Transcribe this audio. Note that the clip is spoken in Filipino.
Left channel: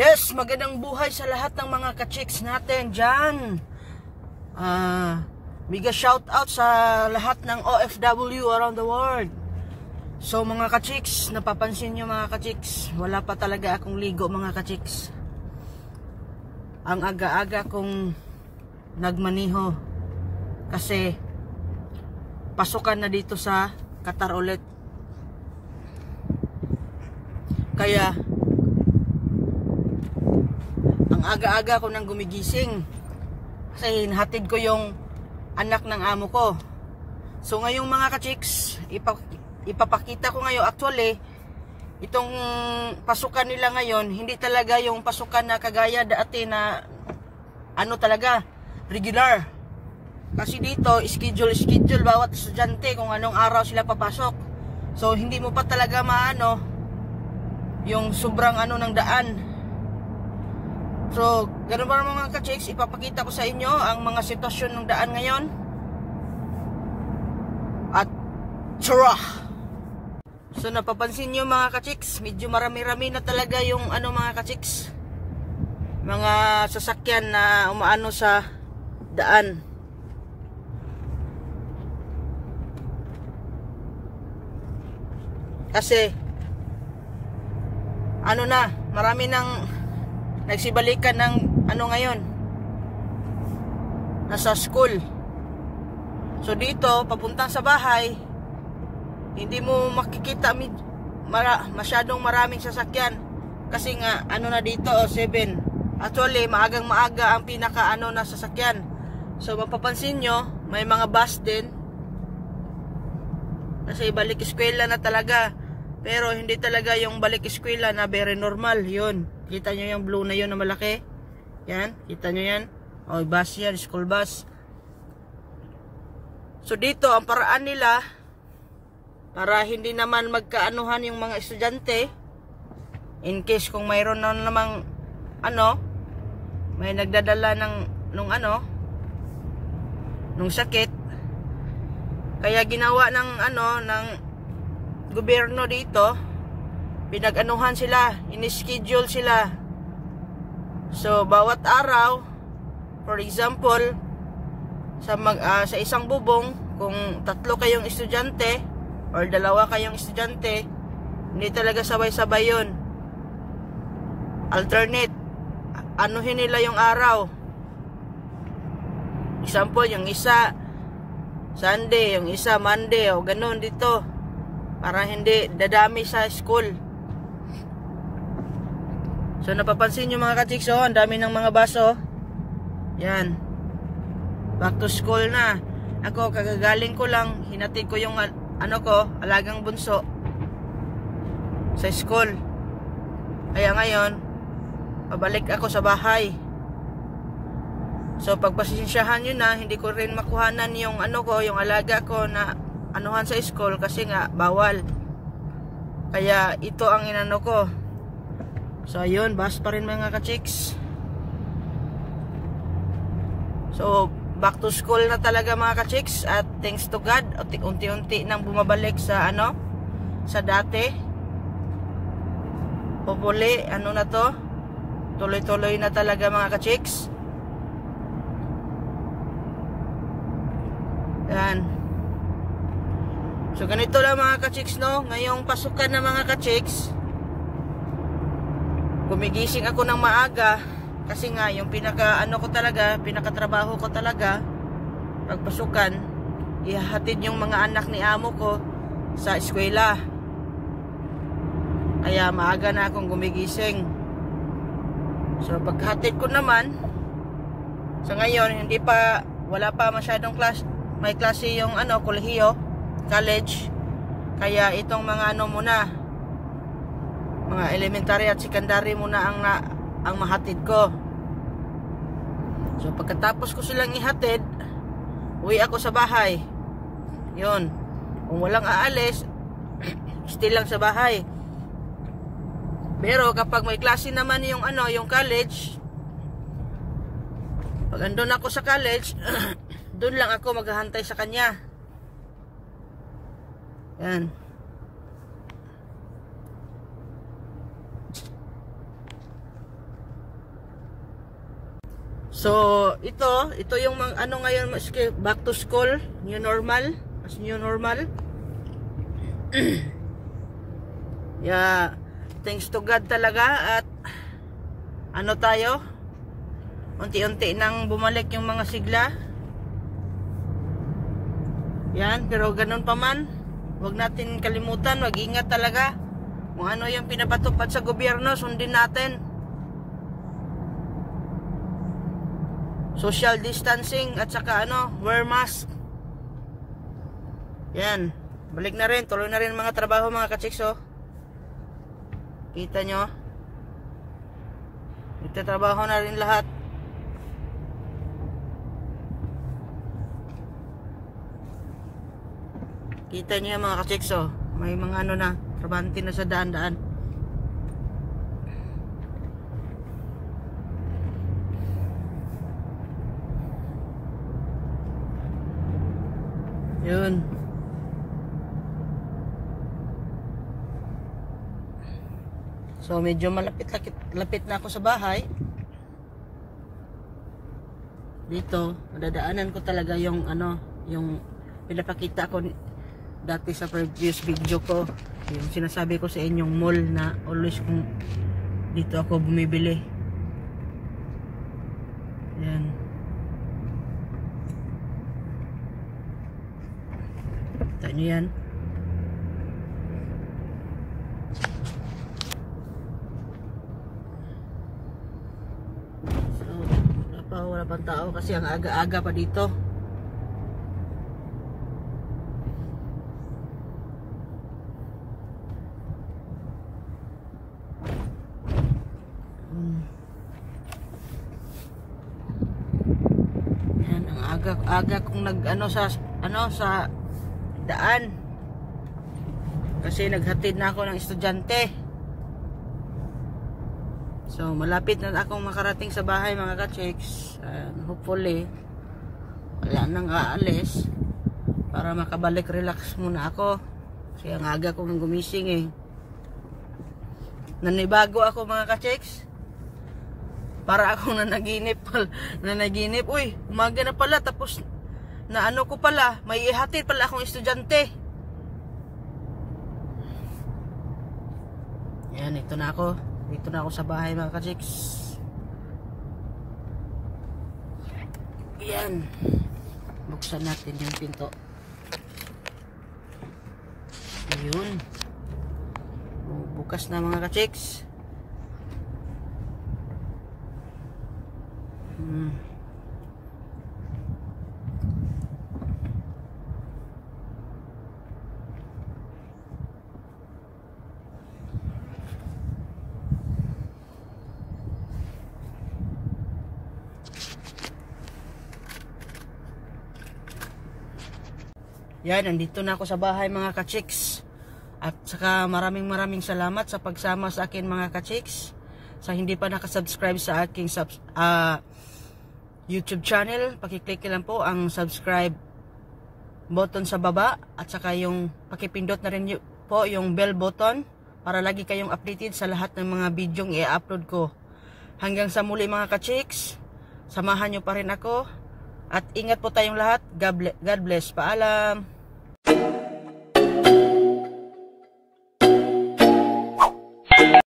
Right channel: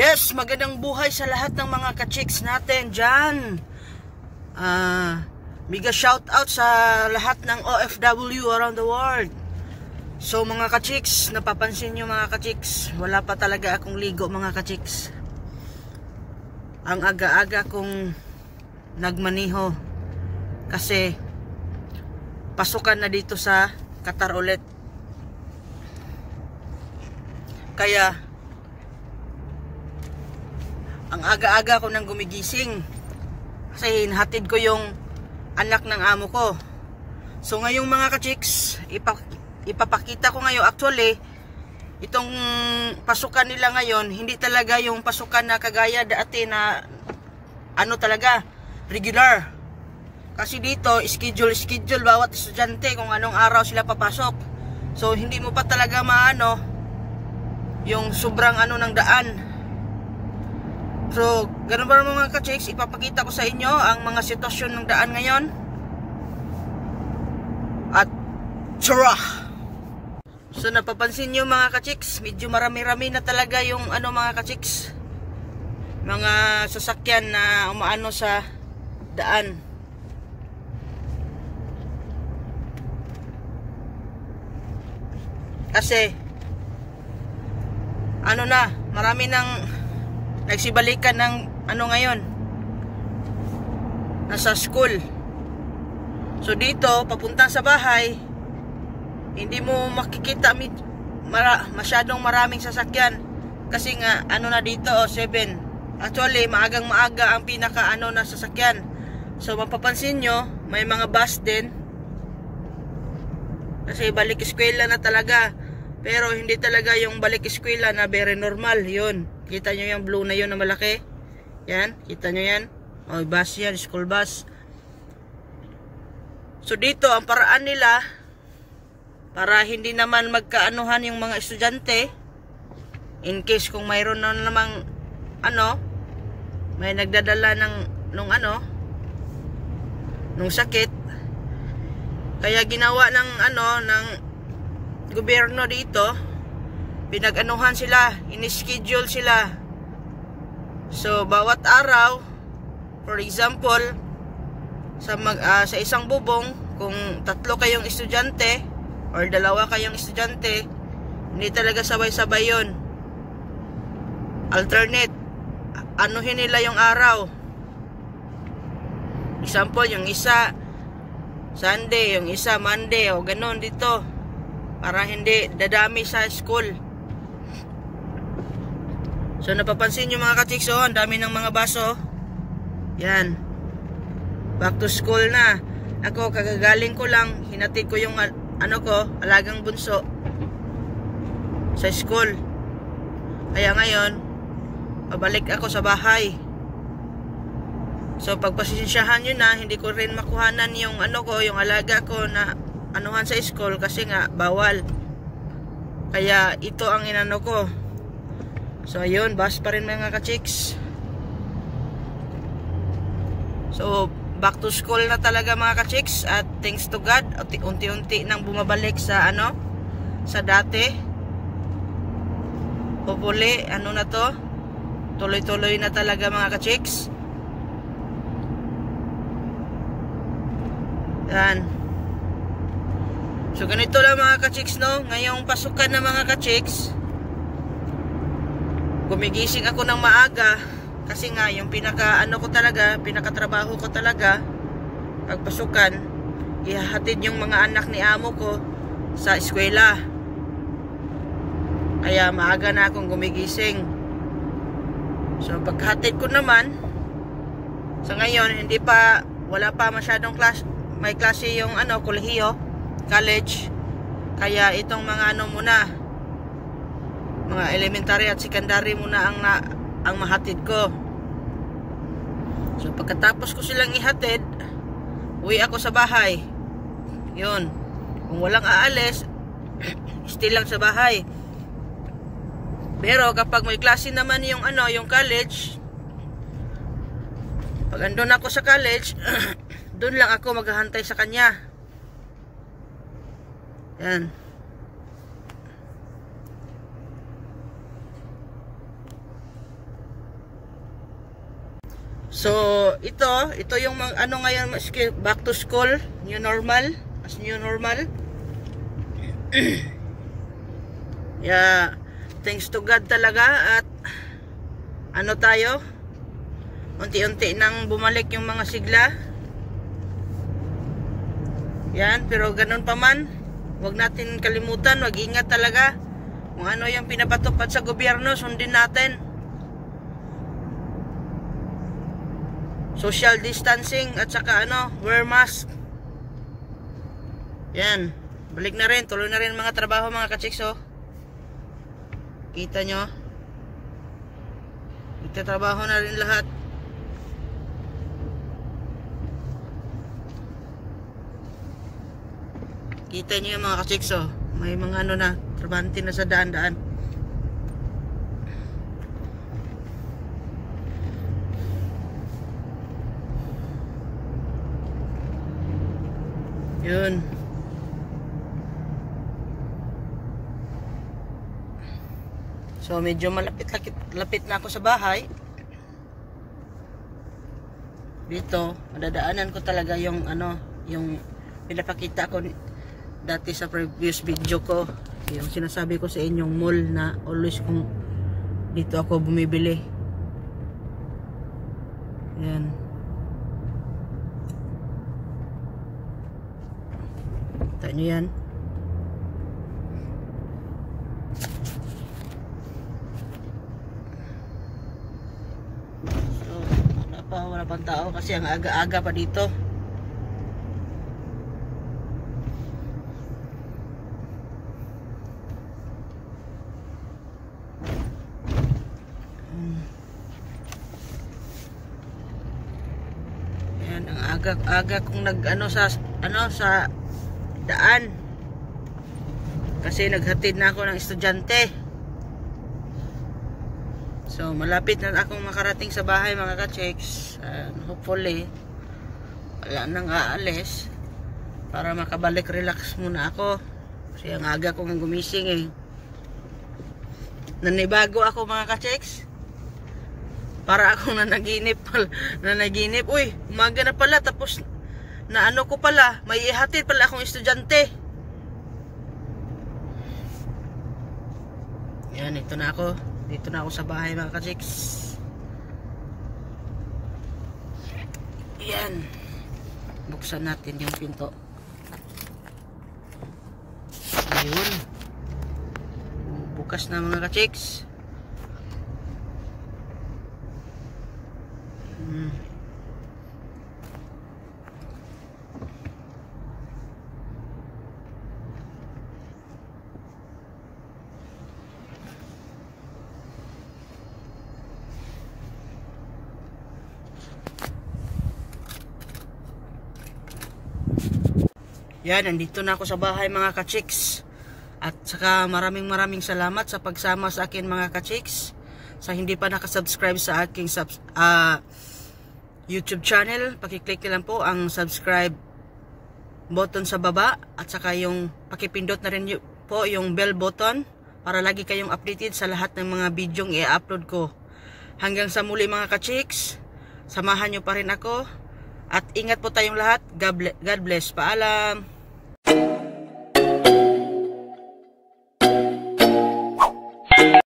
Yes, magandang buhay sa lahat ng mga ka-chicks natin dyan. Mega shout out sa lahat ng OFW around the world. So mga ka-chicks, napapansin nyo mga ka-chicks, wala pa talaga akong ligo mga ka-chicks. Ang aga-aga kong nagmaniho kasi pasukan na dito sa Qatar ulit. Kaya ang aga-aga ko nang gumigising kasi hinhatid ko yung anak ng amo ko. So ngayong mga ka-chicks, ipapakita ko ngayon. Actually, itong pasukan nila ngayon, hindi talaga yung pasukan na kagaya dati na ano talaga, regular. Kasi dito, schedule bawat estudyante kung anong araw sila papasok. So hindi mo pa talaga maano yung sobrang ano ng daan. So, ganun ba mga ka-chicks, ipapakita ko sa inyo ang mga sitwasyon ng daan ngayon. At tara! So, napapansin nyo mga ka-chicks, medyo marami-rami na talaga yung ano mga ka-chicks, mga sasakyan na umaano sa daan. Kasi ano na, marami ng nagsibalikan ng ano ngayon, nasa school. So dito papunta sa bahay, hindi mo makikita masyadong maraming sasakyan kasi nga ano na dito 7. Actually maagang maaga ang pinaka ano na sasakyan. So mapapansin nyo, may mga bus din kasi balik eskwela na talaga. Pero hindi talaga yung balik eskwela na very normal. Yun, kita nyo yung blue na yun na malaki. Yan, kita nyo yan. O, bus yan, school bus. So dito, ang paraan nila para hindi naman magkaanuhan yung mga estudyante, in case kung mayroon na namang ano, may nagdadala nung sakit, kaya ginawa ng ng gobyerno dito, pinag-anuhan sila, in-schedule sila. So bawat araw, for example, sa isang bubong, kung 3 kayong estudyante or 2 kayong estudyante, hindi talaga sabay-sabay yun. Alternate, anuhin nila yung araw. Example, yung isa Sunday, yung isa Monday, o ganun dito, para hindi dadami sa school. So napapansin nyo mga ka-chicks, ang dami ng mga baso. Yan, back to school na. Ako kagagaling ko lang, hinatid ko yung alagang bunso sa school. Kaya ngayon pabalik ako sa bahay. So pagpasensyahan nyo na, hindi ko rin makuhanan yung yung alaga ko na anuhan sa school kasi nga bawal. Kaya ito ang inano ko. So ayun, bus pa rin mga ka-chicks. So back to school na talaga mga ka-chicks, at thanks to God, unti-unti nang bumabalik sa sa dati. Hopefully na to, tuloy-tuloy na talaga mga ka-chicks. Yan. So ganito lang mga ka-chicks, ngayong pasukan na mga ka-chicks, gumigising ako ng maaga kasi nga yung pinakatrabaho ko talaga pagpasukan, ihahatid yung mga anak ni amo ko sa eskwela. Kaya maaga na akong gumigising. So paghatid ko naman, sa ngayon wala pa masyadong may klase yung kolehiyo, college. Kaya itong mga muna, mga elementary at secondary muna ang mahatid ko. So pagkatapos ko silang ihatid, uwi ako sa bahay. Yun, kung walang aalis, still lang sa bahay. Pero kapag may klase naman yung college, pag andun ako sa college, doon lang ako maghahantay sa kanya. Yan. So, ito yung ano ngayon, back to school, new normal, as new normal. Yeah, thanks to God talaga at ano tayo, unti-unti nang bumalik yung mga sigla. Yan, pero ganun pa man, wag natin kalimutan, wag ingat talaga. Kung ano yung pinapatupad sa gobyerno, sundin natin. Social distancing at saka wear mask. Yan. Balik na rin. Tuloy na rin mga trabaho mga kachiks. Kita nyo. Nagtatrabaho na rin lahat. Kita nyo mga kachiks. May mga na. Trabante na sa daan-daan. Yun. So medyo malapit na ako sa bahay. Dito, madadaanan ko talaga yung yung pinapakita ko dati sa previous video ko. Yung sinasabi ko sa inyong mall na always kung dito ako bumibili. Yan. Kita nyo yan. So, wala pang tao kasi ang aga-aga pa dito. Yan, ang aga kung sa daan kasi naghatid na ako ng estudyante. So malapit na akong makarating sa bahay mga ka-chicks. Hopefully wala nang aalis para makabalik relax muna ako kasi ang aga kong gumising nanibago ako mga ka-chicks. Para akong nanaginip. Uy, umaga na pala tapos na ko pala, may ihatid pala akong estudyante. Yan, ito na ako. Dito na ako sa bahay mga ka-chicks. Yan. Buksan natin yung pinto. Ayun. Bukas na mga ka-chicks. Yan, nandito na ako sa bahay mga ka-chicks. At saka maraming salamat sa pagsama sa akin mga ka-chicks. Sa hindi pa nakasubscribe sa aking YouTube channel, pakiclick lang po ang subscribe button sa baba. At saka yung pakipindot na rin po yung bell button para lagi kayong updated sa lahat ng mga bidyong i-upload ko. Hanggang sa muli mga ka-chicks, samahan nyo pa rin ako. At ingat po tayong lahat. God bless. Paalam.